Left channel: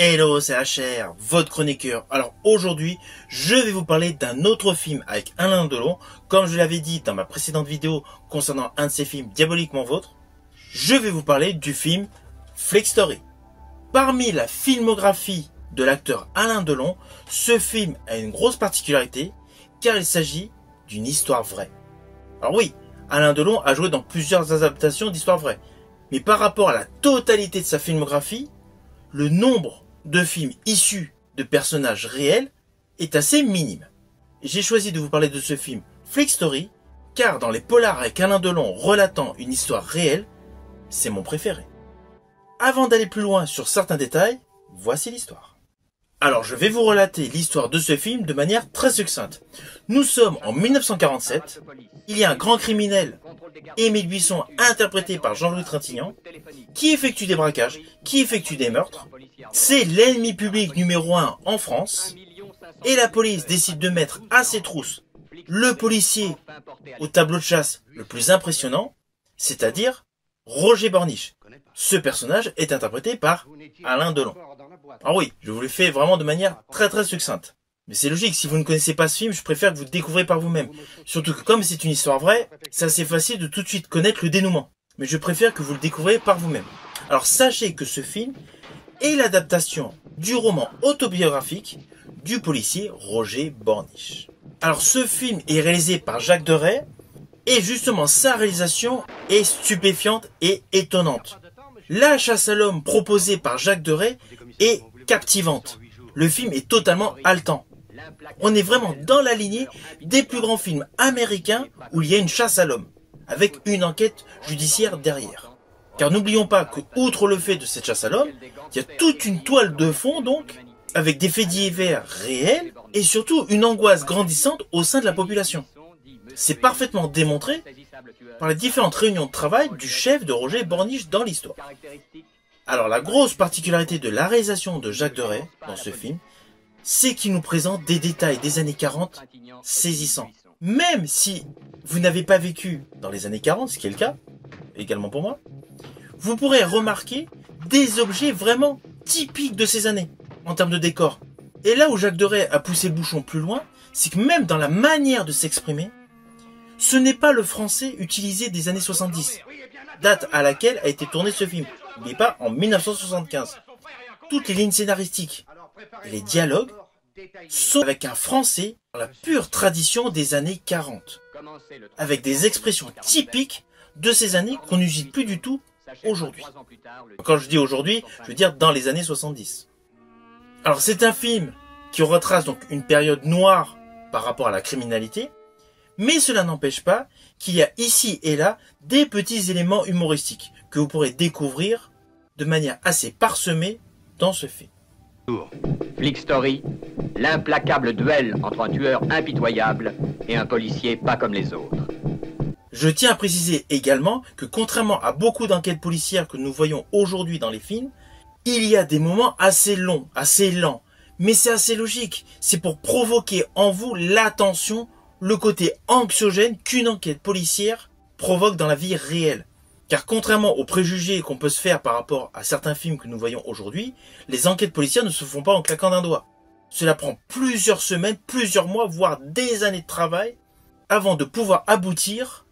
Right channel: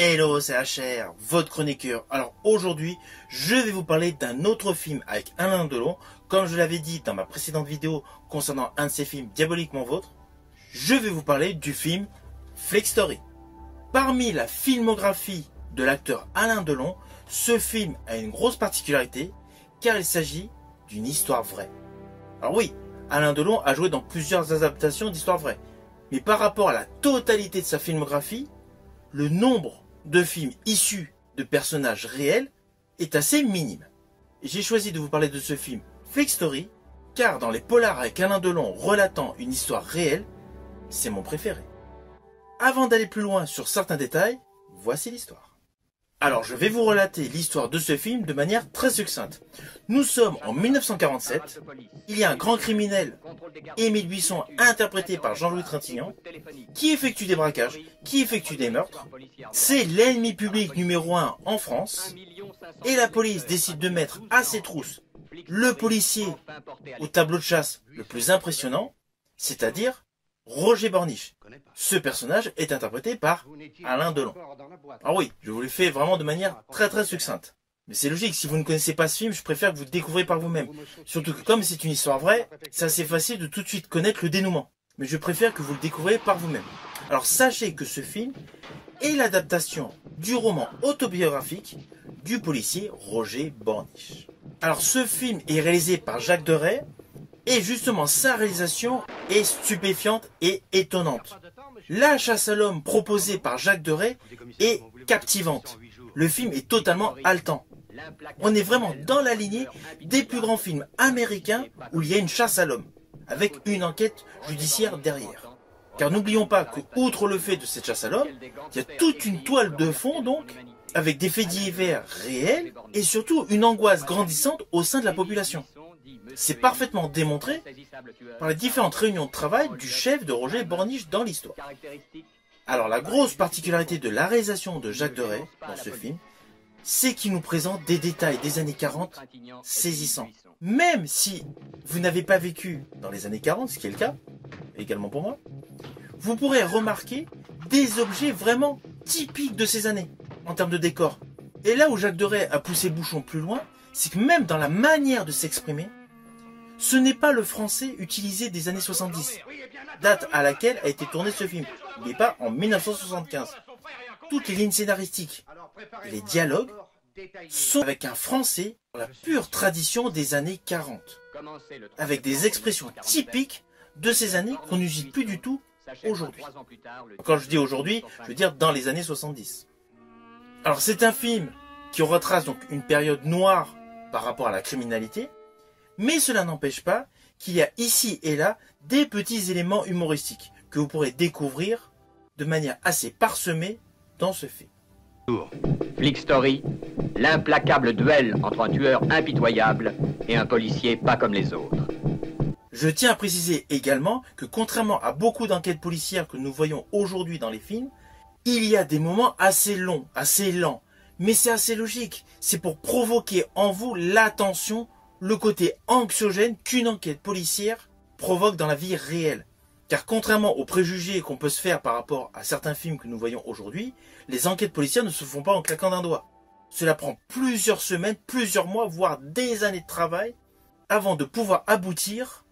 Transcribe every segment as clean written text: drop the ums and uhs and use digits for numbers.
Hello, c'est HR, votre chroniqueur. Alors aujourd'hui, je vais vous parler d'un autre film avec Alain Delon. Comme je l'avais dit dans ma précédente vidéo concernant un de ses films Diaboliquement Vôtre, je vais vous parler du film Flick Story. Parmi la filmographie de l'acteur Alain Delon, ce film a une grosse particularité car il s'agit d'une histoire vraie. Alors oui, Alain Delon a joué dans plusieurs adaptations d'histoires vraies, mais par rapport à la totalité de sa filmographie, le nombre de films issus de personnages réels est assez minime. J'ai choisi de vous parler de ce film Flick Story, car dans les polars avec Alain Delon relatant une histoire réelle, c'est mon préféré. Avant d'aller plus loin sur certains détails, voici l'histoire. Alors je vais vous relater l'histoire de ce film de manière très succincte. Nous sommes en 1947, il y a un grand criminel, Émile Buisson, interprété par Jean-Louis Trintignant, qui effectue des braquages, qui effectue des meurtres. C'est l'ennemi public numéro 1 en France, et la police décide de mettre à ses trousses le policier au tableau de chasse le plus impressionnant, c'est-à-dire Roger Borniche. Ce personnage est interprété par Alain Delon. Alors oui, je vous le fais vraiment de manière très succincte. Mais c'est logique, si vous ne connaissez pas ce film, je préfère que vous le découvrez par vous-même. Surtout que comme c'est une histoire vraie, c'est assez facile de tout de suite connaître le dénouement. Mais je préfère que vous le découvriez par vous-même. Alors sachez que ce film est l'adaptation du roman autobiographique du policier Roger Borniche. Alors ce film est réalisé par Jacques Deray, et justement, sa réalisation est stupéfiante et étonnante. La chasse à l'homme proposée par Jacques Deray est captivante. Le film est totalement haletant. On est vraiment dans la lignée des plus grands films américains où il y a une chasse à l'homme, avec une enquête judiciaire derrière. Car n'oublions pas que, outre le fait de cette chasse à l'homme, il y a toute une toile de fond donc, avec des faits divers réels et surtout une angoisse grandissante au sein de la population. C'est parfaitement démontré par les différentes réunions de travail du chef de Roger Borniche dans l'histoire. Alors la grosse particularité de la réalisation de Jacques Deray dans ce film, c'est qu'il nous présente des détails des années 40 saisissants. Même si vous n'avez pas vécu dans les années 40, ce qui est le cas, également pour moi, vous pourrez remarquer des objets vraiment typiques de ces années, en termes de décor. Et là où Jacques Deray a poussé le bouchon plus loin, c'est que même dans la manière de s'exprimer, ce n'est pas le français utilisé des années 70, date à laquelle a été tourné ce film, mais pas en 1975. Toutes les lignes scénaristiques et les dialogues sont avec un français dans la pure tradition des années 40, avec des expressions typiques de ces années qu'on n'utilise plus du tout aujourd'hui. Quand je dis aujourd'hui, je veux dire dans les années 70. Alors c'est un film qui retrace donc une période noire par rapport à la criminalité, mais cela n'empêche pas qu'il y a ici et là des petits éléments humoristiques que vous pourrez découvrir de manière assez parsemée dans ce film. Flick Story, l'implacable duel entre un tueur impitoyable et un policier pas comme les autres. Je tiens à préciser également que contrairement à beaucoup d'enquêtes policières que nous voyons aujourd'hui dans les films, il y a des moments assez longs, assez lents. Mais c'est assez logique, c'est pour provoquer en vous l'attention, le côté anxiogène qu'une enquête policière provoque dans la vie réelle. Car contrairement aux préjugés qu'on peut se faire par rapport à certains films que nous voyons aujourd'hui, les enquêtes policières ne se font pas en claquant d'un doigt. Cela prend plusieurs semaines, plusieurs mois, voire des années de travail avant de pouvoir aboutir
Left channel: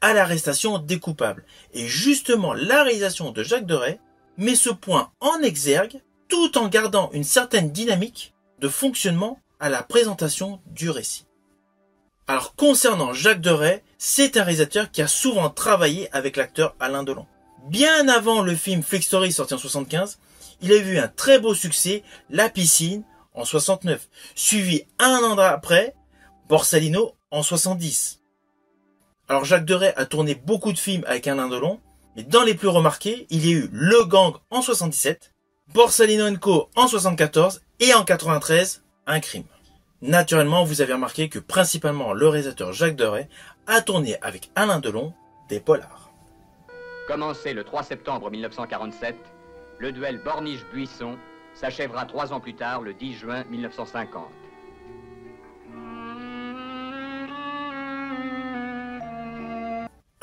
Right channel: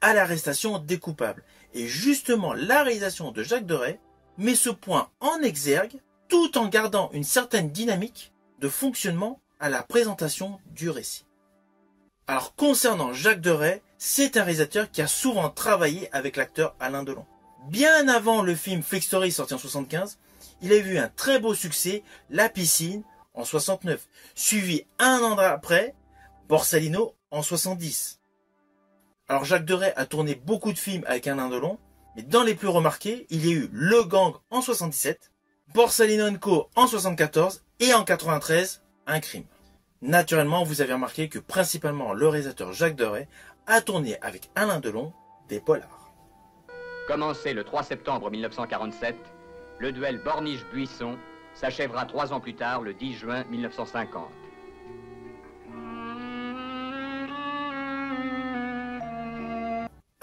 à l'arrestation des coupables. Et justement, la réalisation de Jacques Deray met ce point en exergue tout en gardant une certaine dynamique de fonctionnement à la présentation du récit. Alors concernant Jacques Deray, c'est un réalisateur qui a souvent travaillé avec l'acteur Alain Delon. Bien avant le film Flick Story sorti en 1975, il a eu un très beau succès, La Piscine en 1969, suivi un an après, Borsalino en 1970. Alors Jacques Deray a tourné beaucoup de films avec Alain Delon, mais dans les plus remarqués, il y a eu Le Gang en 1977, Borsalino & Co en 1974 et en 1993, Un Crime. Naturellement, vous avez remarqué que principalement le réalisateur Jacques Deray a tourné avec Alain Delon des polars. Commencé le 3 septembre 1947, le duel Borniche-Buisson s'achèvera 3 ans plus tard, le 10 juin 1950.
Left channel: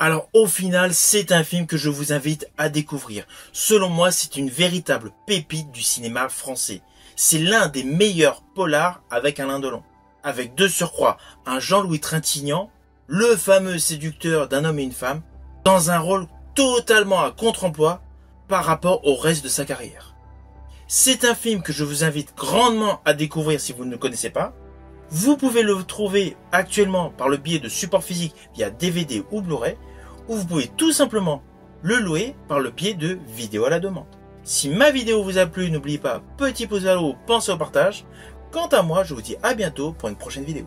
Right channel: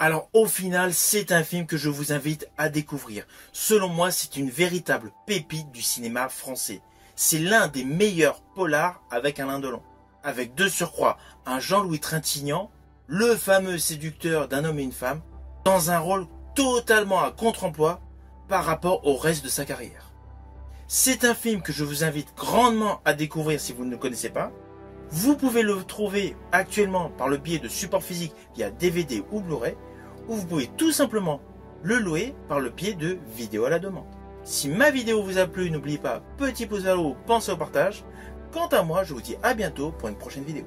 Alors au final, c'est un film que je vous invite à découvrir. Selon moi, c'est une véritable pépite du cinéma français. C'est l'un des meilleurs polars avec Alain Delon. Avec de surcroît un Jean-Louis Trintignant, le fameux séducteur d'un homme et une femme, dans un rôle totalement à contre-emploi par rapport au reste de sa carrière. C'est un film que je vous invite grandement à découvrir si vous ne le connaissez pas. Vous pouvez le trouver actuellement par le biais de supports physiques via DVD ou Blu-ray, ou vous pouvez tout simplement le louer par le biais de vidéos à la demande. Si ma vidéo vous a plu, n'oubliez pas, petit pouce vers le haut, pensez au partage. Quant à moi, je vous dis à bientôt pour une prochaine vidéo.